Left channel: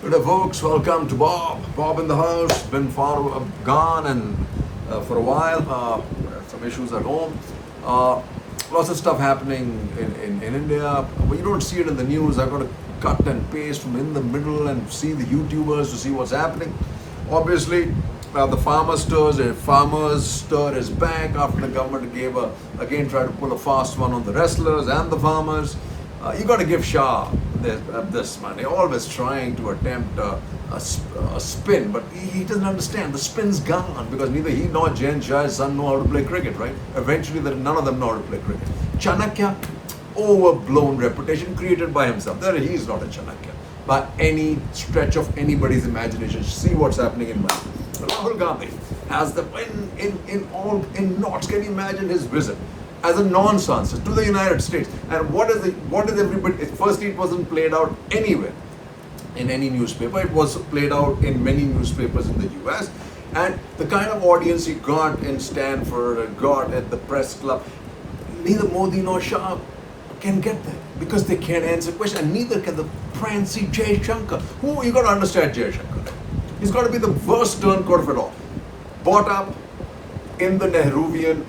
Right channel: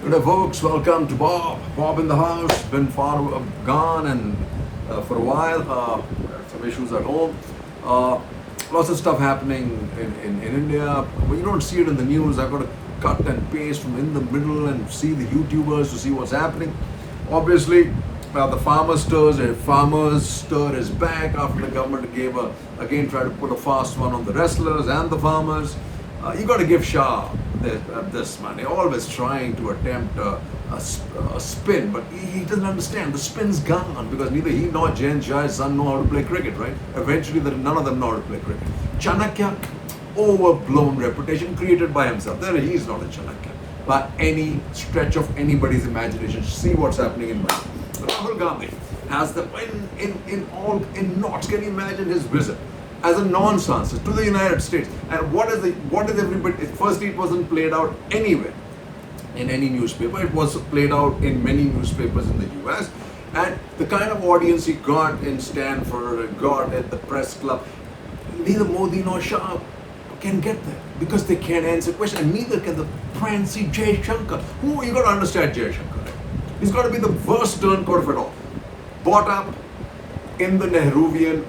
Good day, folks. Welcome to Bob. Bob in the house. Been gone and for a while. Some issues at home. Lots of stuff happening in India. But you don't see it in the news. I've got to cut and paste from in the middle and see the YouTubers to see what's happening. Obviously, the farmers stir is back after the government again tried to pull a fast one on the wrestlers and the farmers. You got to give Shah this man. They're always trying to attempt a spin, but he doesn't understand. The spin's gone because neither he nor Jain Shah's son know how to play cricket, right? Eventually, none of them know how to play cricket. Chanakya, overblown reputation created by himself. He's not a Chanakya by any stretch of anybody's imagination. See what's happening in Mumbai. Rahul Gandhi has them in knots. Can you imagine his visit as a non-Sanskrit to the United States? And what is everybody? Firstly, it wasn't played out anywhere in any newspaper. It was played out in many newspapers in the US. And the kind of audience he got in Stanford, got at the press club, neither Modi nor Shah can get there because they can't answer questions, and neither can the prancy Jay Shankar. Who you got to understand Jay Shankar, right? He's got to be the worst turncoat of it all. Brought up in the Nehruvian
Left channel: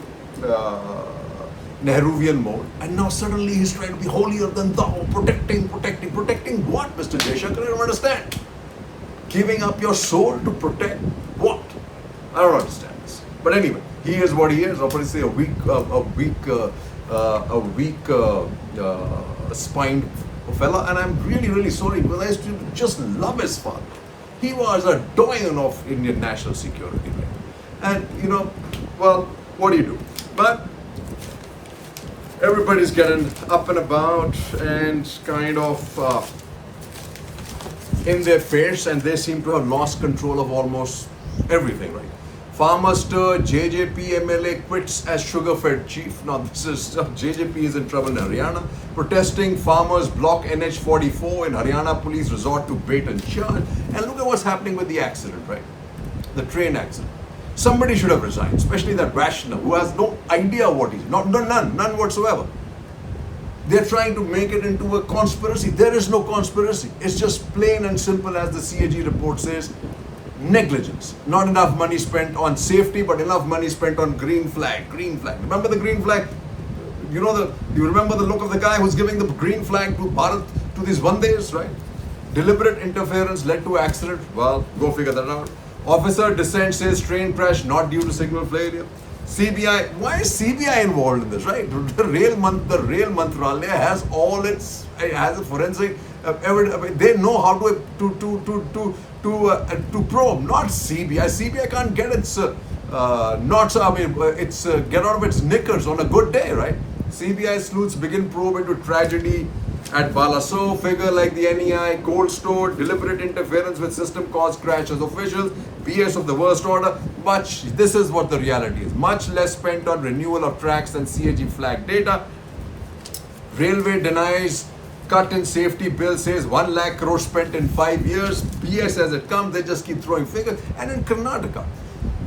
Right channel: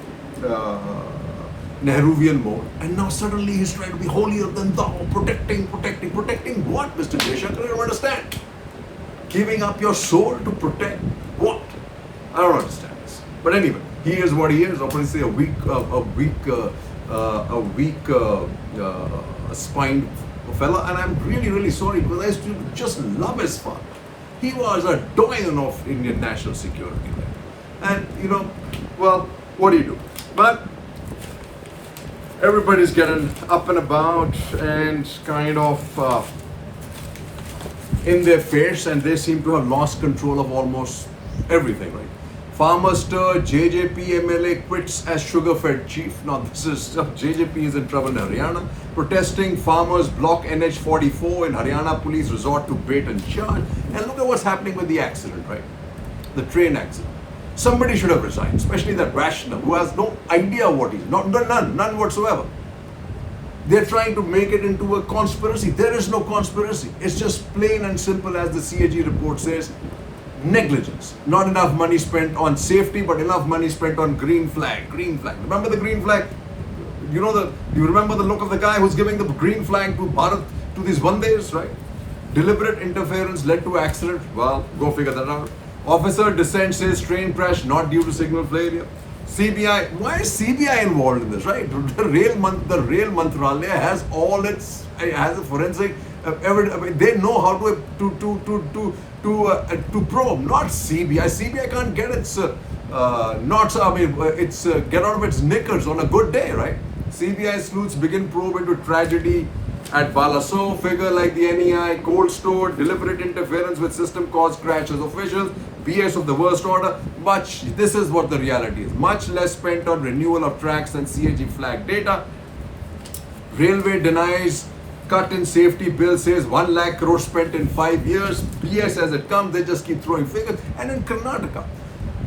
mode, and now suddenly he's trying to be holier than thou, protecting what, Mr. Jaishankar? I don't understand. Giving up your soul to protect what? I don't understand this. But anyway, he is what he is. Obviously, a weak spined fella, and I'm really sorry because I used to just love his father. He was a doyen of Indian national security, and well, what do you do? But everybody's getting up and about and kind of in their face, and they seem to have lost control of almost everything, right? Farmer stir, JJP MLA quits as sugar-fed chief. Now this is JJP is in trouble in Haryana. Protesting farmers block NH44 in Haryana. Police resort to bait and charge. And look at what's happening with the accident, right? The train accident. Somebody should have resigned, especially that Vaishnav, who has no idea what he's none whatsoever. They're trying to make it into a conspiracy. There is no conspiracy. It's just plain and simple, as the CAG report says, negligence. Not enough money spent on safety, but enough money spent on green flag. Remember the green flag? You remember the look of the guy who's giving the green flag to Bharat, to these Vandes, right? Deliberate interference led to accident. Well, go figure that out. Officer dissent says train crash not due to signal failure. CBI, why is CBI involved in this, right? The rail Mantralaya has a forensic evidence. They know how to probe, not CBI. CBI can't get its get out of its knickers on a good day, right? CBI sleuths begin probe into tragedy at Balaso. Figure like the NEI, cold store, deliberate interference with system caused crashes. Officials, BS of the worst order. This is what the reality is. Much less spent on renewal of tracks than CAG flag data. Railway denies cut in safety bill, says 1 lakh crore spent in 5 years. BS as it comes, they just keep throwing figures. And in Karnataka,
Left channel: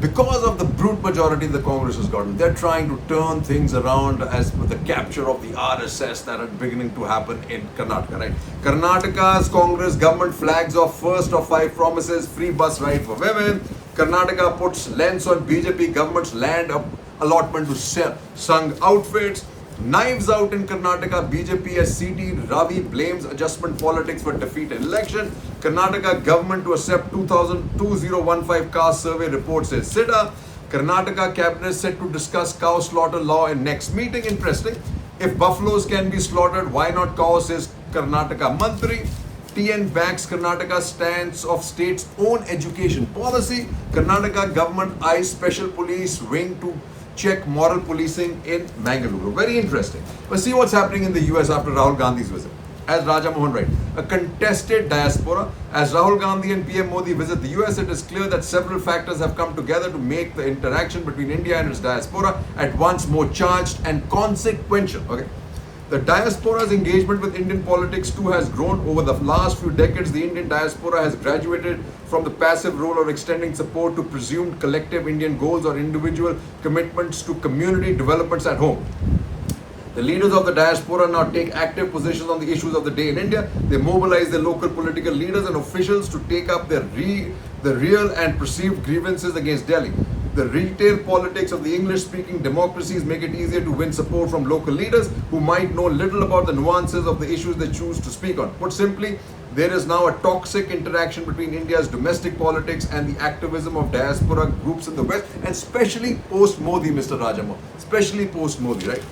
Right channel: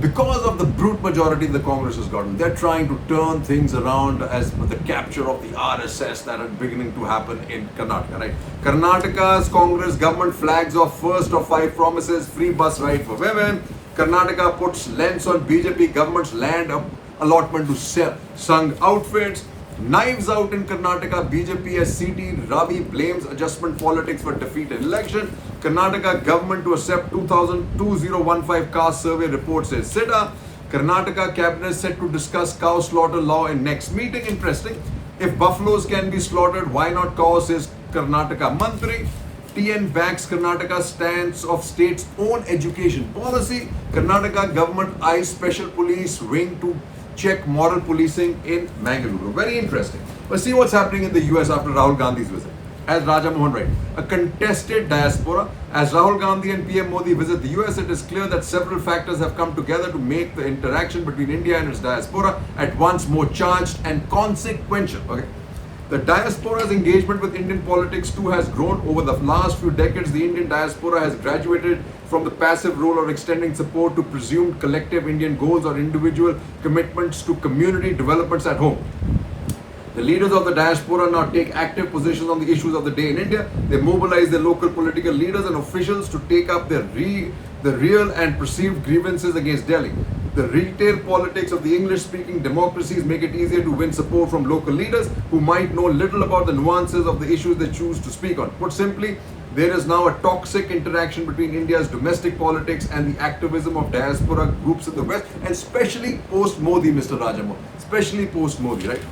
because of the brute majority the Congress has gotten, they're trying to turn things around as the capture of the RSS that are beginning to happen in Karnataka, right? Karnataka's Congress government flags off first of 5 promises, free bus ride for women. Karnataka puts lens on BJP government's land allotment to sell Sangh outfits. Knives out in Karnataka, BJP as CT Ravi blames adjustment politics for defeat in election. Karnataka government to accept 2015 caste survey report, says SIDA. Karnataka cabinet set to discuss cow slaughter law in next meeting. Interesting. If buffaloes can be slaughtered, why not cows, says Karnataka Mantri. TN backs Karnataka stance of state's own education policy. Karnataka government eyes special police wing to check moral policing in Mangaluru. Very interesting. But see what's happening in the US after Rahul Gandhi's visit. As Raja Mohan writes, a contested diaspora. As Rahul Gandhi and PM Modi visit the US, it is clear that several factors have come together to make the interaction between India and its diaspora at once more charged and consequential. Okay. The diaspora's engagement with Indian politics too has grown over the last few decades. The Indian diaspora has graduated from the passive role of extending support to presumed collective Indian goals or individual commitments to community developments at home. The leaders of the diaspora now take active positions on the issues of the day in India. They mobilize their local political leaders and officials to take up the real and perceived grievances against Delhi. The retail politics of the English-speaking democracies make it easier to win support from local leaders who might know little about the nuances of the issues they choose to speak on. Put simply, there is now a toxic interaction between India's domestic politics and the activism of diaspora groups in the West, and especially post-Modi, Mr. Rajamohan. Especially post-Modi, right?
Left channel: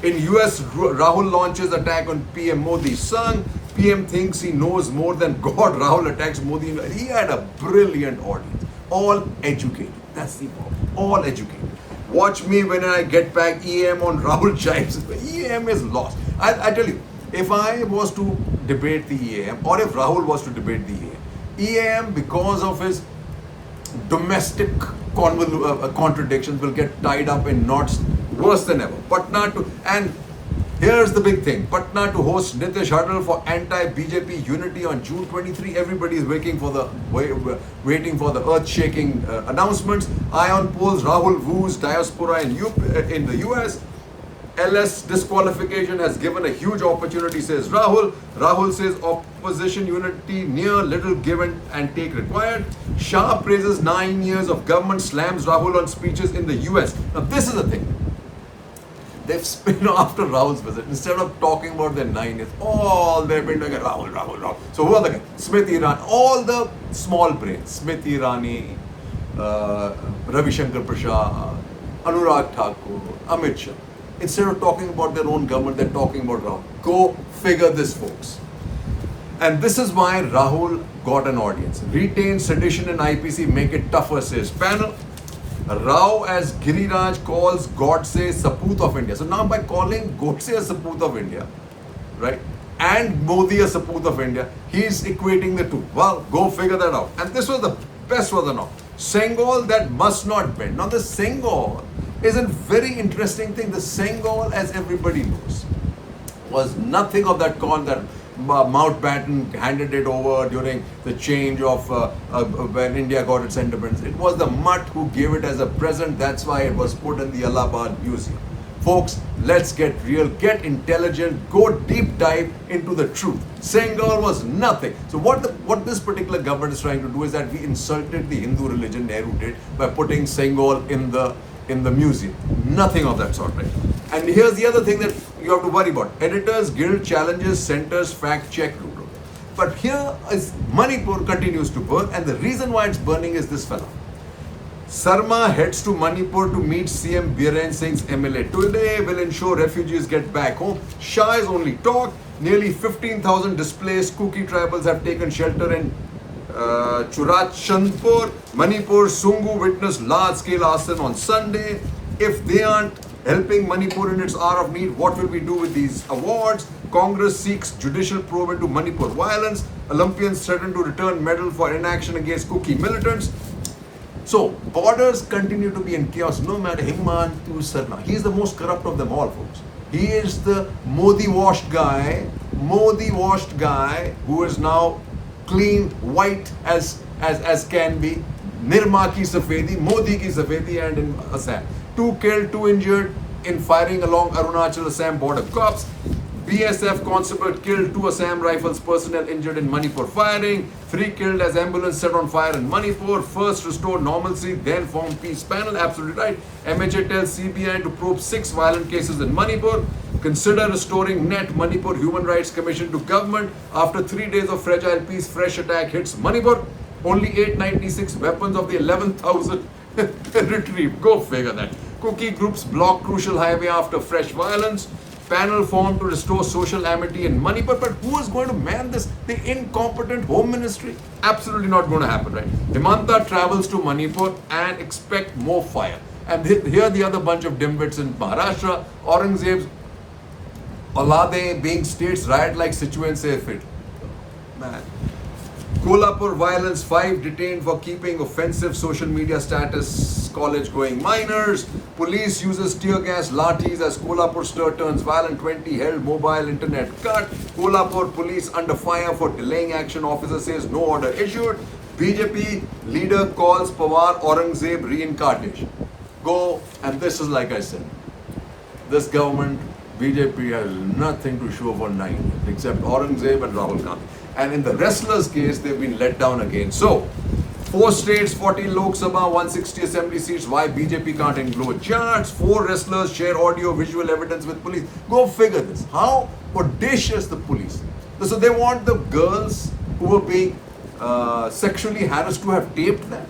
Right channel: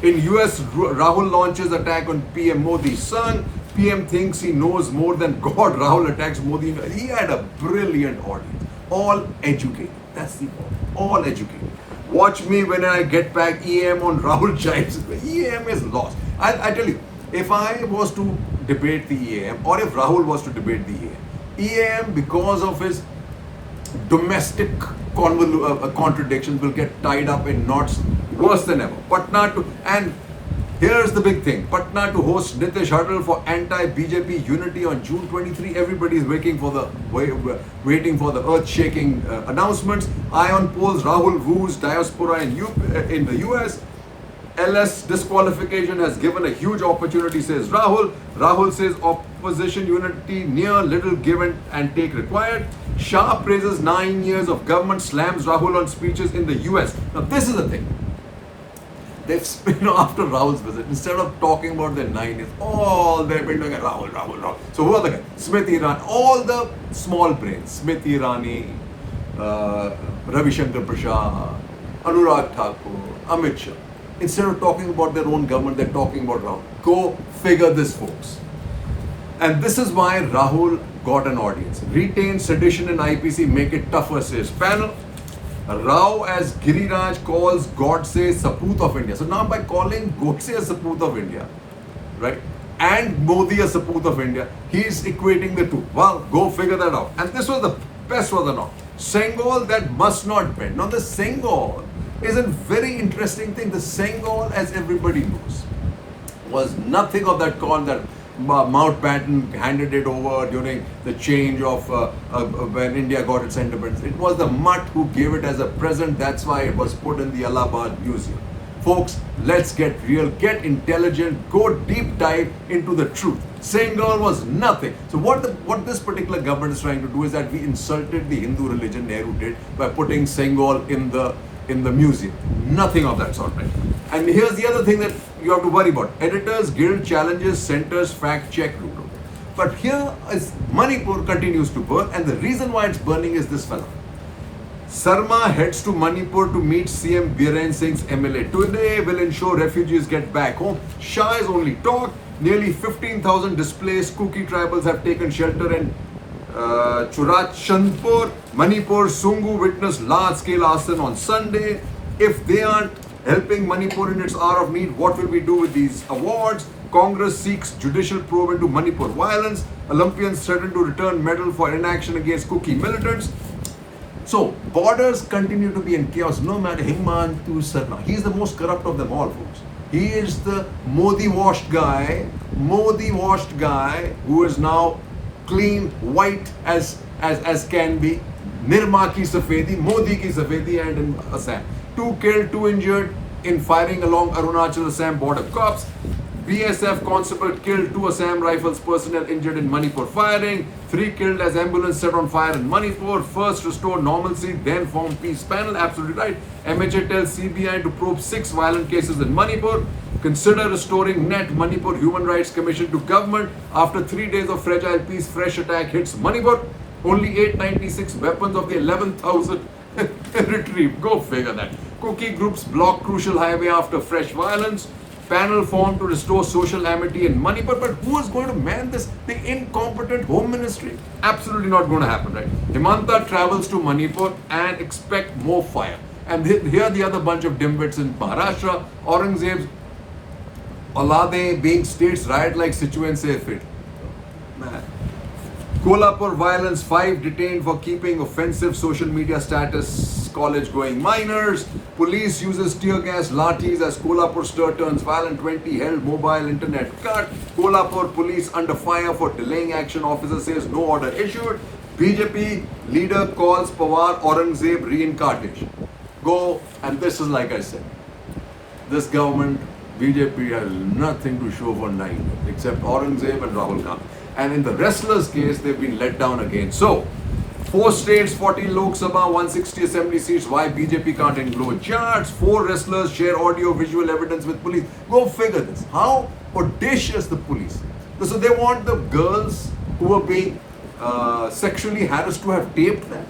In US, Rahul launches attack on PM Modi's son. PM thinks he knows more than God. Rahul attacks Modi. He had a brilliant audience. All educated. That's the problem. All educated. Watch me when I get back EM on Rahul Chives. EM is lost. I tell you, if I was to debate the EM or if Rahul was to debate the EM because of his domestic contradictions will get tied up in knots worse than ever. Patna to, and here's the big thing, Patna to host Nitish Huddle for anti-BJP unity on June 23. Everybody is waiting for the earth-shaking announcements. Ion polls, Rahul woos diaspora in the US. LS disqualification has given a huge opportunity, says Rahul. Rahul says opposition unity near, little given and take required. Shah praises 9 years of government, slams Rahul on speeches in the US. Now this is the thing. They've spin after Rahul's visit. Instead of talking about their 9 years, all they've been doing is Rahul. So who are the guys? Smriti Irani, all the small brains. Smriti Irani, Ravi Shankar Prasad, Anurag Thakur, Amit Shah. Instead of talking about their own government, they're talking about Rahul. Go figure this, folks. And this is why Rahul got an audience. Retain sedition and IPC, make it tougher, says panel. Rao as Giriraj calls Godse Sapoot of India. So now by calling Godse a Sapoot of India, right, and Modi a Sapoot of India, he's equating the two. Well, go figure that out. And this was the best was the now. Sengol that must not bend. Now the Sengol is a very interesting thing. The Sengol, as everybody knows, was nothing of that con that Mountbatten handed it over during the change of when India got its independence. It was the Mutt who gave it as a present. That's why it was put in the Allahabad Museum. Folks, let's get real, get intelligent, go deep dive into the truth. Sengol was nothing. So what this particular government is trying to do is that we insulted the Hindu religion, Nehru did, by putting Sengol in the museum. Nothing of that sort, right? And here's the other thing that you have to worry about. Editors Guild challenges center's fact check route. But here is Manipur continues to burn, and the reason why it's burning is this fella. Sarma heads to Manipur to meet CM Biren Singh's MLA. Today will ensure refugees get back home. Shah is only talk. Nearly 15,000 displaced Kuki tribals have taken shelter in Churachandpur. Manipur Sungu witnessed large-scale arson on Sunday. If they aren't helping Manipur in its hour of need, what will we do with these awards? Congress seeks judicial probe into Manipur violence. Olympians threaten to return medal for inaction against Kuki militants. So, borders continue to be in chaos, no matter Himantu Sarna. He is the most corrupt of them all, folks. He is the Modi-washed guy who is now clean, white as can be. Nirma ki safedi, Modi ki safedi, and in Assam. 2 killed, 2 injured in firing along Arunachal Assam border. Cops, BSF constable killed, 2 Assam Rifles personnel injured in Manipur firing. 3 killed as ambulance set on fire in Manipur. First restore normalcy, then form peace panel. Absolutely right. MHA tells CBI to probe 6 violent cases in Manipur. Consider restoring net Manipur Human Rights Commission to government. After 3 days of fragile peace, fresh attack hits Manipur. Only 896 weapons of the 11,000 retrieved. Go figure that. Kuki groups block crucial highway after fresh violence. Panel formed to restore social amity in Manipur. But who is going to man this? The incompetent home ministry? Absolutely not going to happen, right? Himanta travels to Manipur and expect more fire. And here the other bunch of dimwits in Maharashtra. Aurangzeb's Aulade being states riot-like situations say fit. Man. Kolhapur violence, 5 detained for keeping offensive social media status, college going minors. Police uses tear gas lathis as Kolhapur stir turns violent, 20 held, mobile internet cut. Kolhapur police under fire for delaying action, officer says no order issued. BJP leader calls Pawar Aurangzeb reincarnation. Go, and this is like I said, this government BJP has nothing to show for 9 except Aurangzeb and Rahul Gandhi. And in the wrestlers' case, they've been let down again. So, 4 states, 40 Lok Sabha, 160 assembly seats. Why BJP can't include charts? 4 wrestlers share audio visual evidence with police. Go figure this. How audacious the police. So they want the girls who were being sexually harassed to have taped them.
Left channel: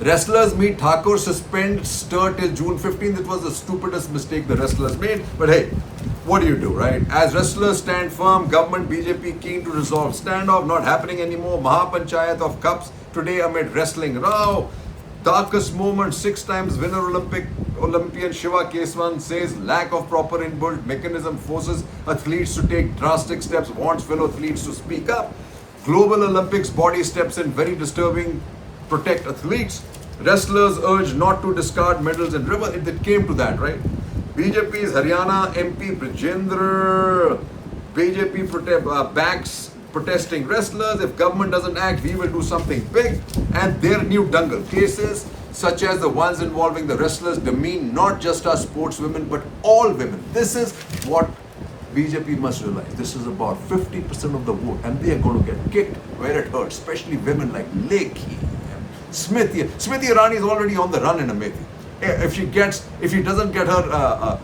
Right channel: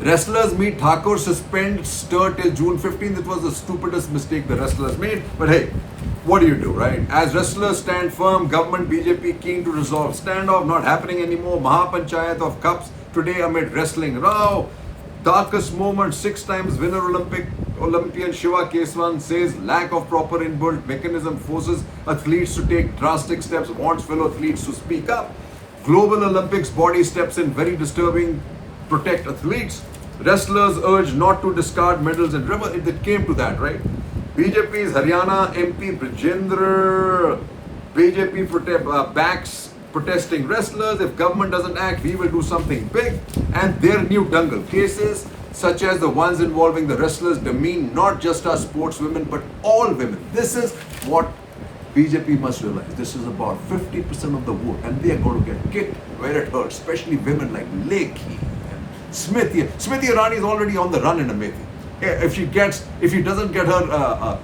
Wrestlers meet Thakur, suspend stir till June 15th. It was the stupidest mistake the wrestlers made. But hey, what do, right? As wrestlers stand firm, government BJP keen to resolve standoff, not happening anymore. Mahapanchayat of cups today amid wrestling row. Darkest moment, 6 times winner Olympian Shiva Keswan says lack of proper inbuilt mechanism forces athletes to take drastic steps, wants fellow athletes to speak up. Global Olympics body steps in very disturbing, protect athletes. Wrestlers urged not to discard medals in river. It came to that, right? BJP's Haryana MP Brajendra, BJP backs protesting wrestlers. If government doesn't act, we will do something big. And their new dangle cases, such as the ones involving the wrestlers, demean not just our sportswomen, but all women. This is what BJP must realize. This is about 50% of the vote, and they are going to get kicked where it hurts, especially women like Lekhi and Smriti. Smriti Irani is already on the run in Amethi. If she doesn't get her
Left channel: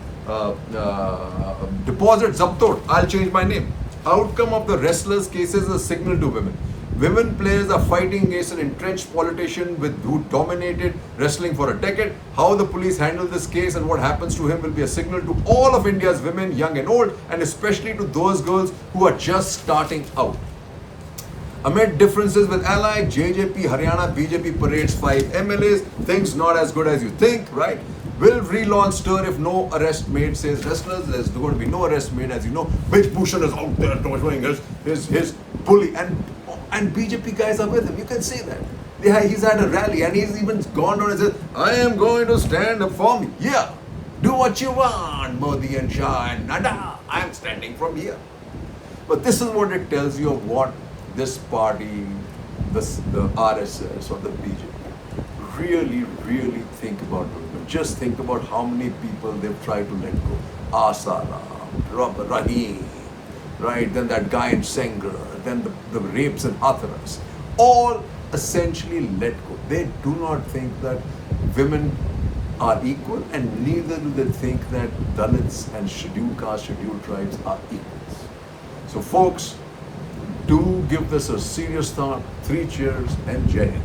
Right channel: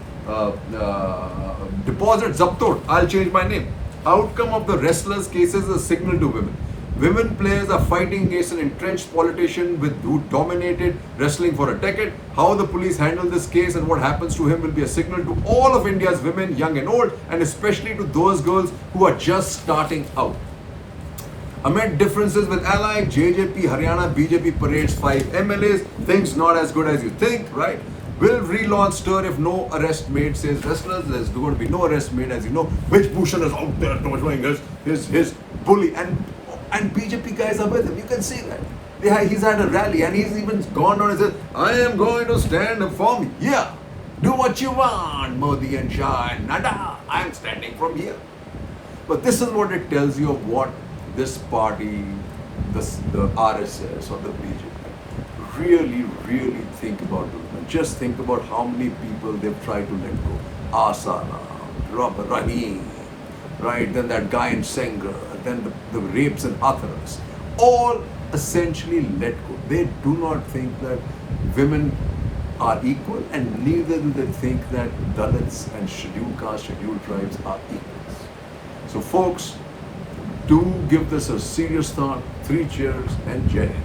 deposit zabtot, I'll change my name. Outcome of the wrestlers' cases is a signal to women. Women players are fighting against an entrenched politician who dominated wrestling for a decade. How the police handle this case and what happens to him will be a signal to all of India's women, young and old, and especially to those girls who are just starting out. Amid differences with ally, JJP, Haryana, BJP parades 5 MLAs. Things not as good as you think, right? Will relaunch stir if no arrest made, says wrestlers. There's going to be no arrest made, as you know. Brij Bhushan is out there showing his bully. And BJP guys are with him. You can see that. He's had a rally and he's even gone on and said, I am going to stand up for me. Yeah. Do what you want, Modi and Shah and Nada. I'm standing from here. But this is what it tells you of what this party, the RSS or the BJP, really think about the women. Just think about how many people they've tried to let go. Asaram, Rahim, right? Then that guy in Sengar, then the rapes in Hathras. All essentially let go. They do not think that women are equal, and neither do they think that Dalits and scheduled caste, scheduled tribes are equals. So folks, do give this a serious thought. 3 cheers and Jai Hind.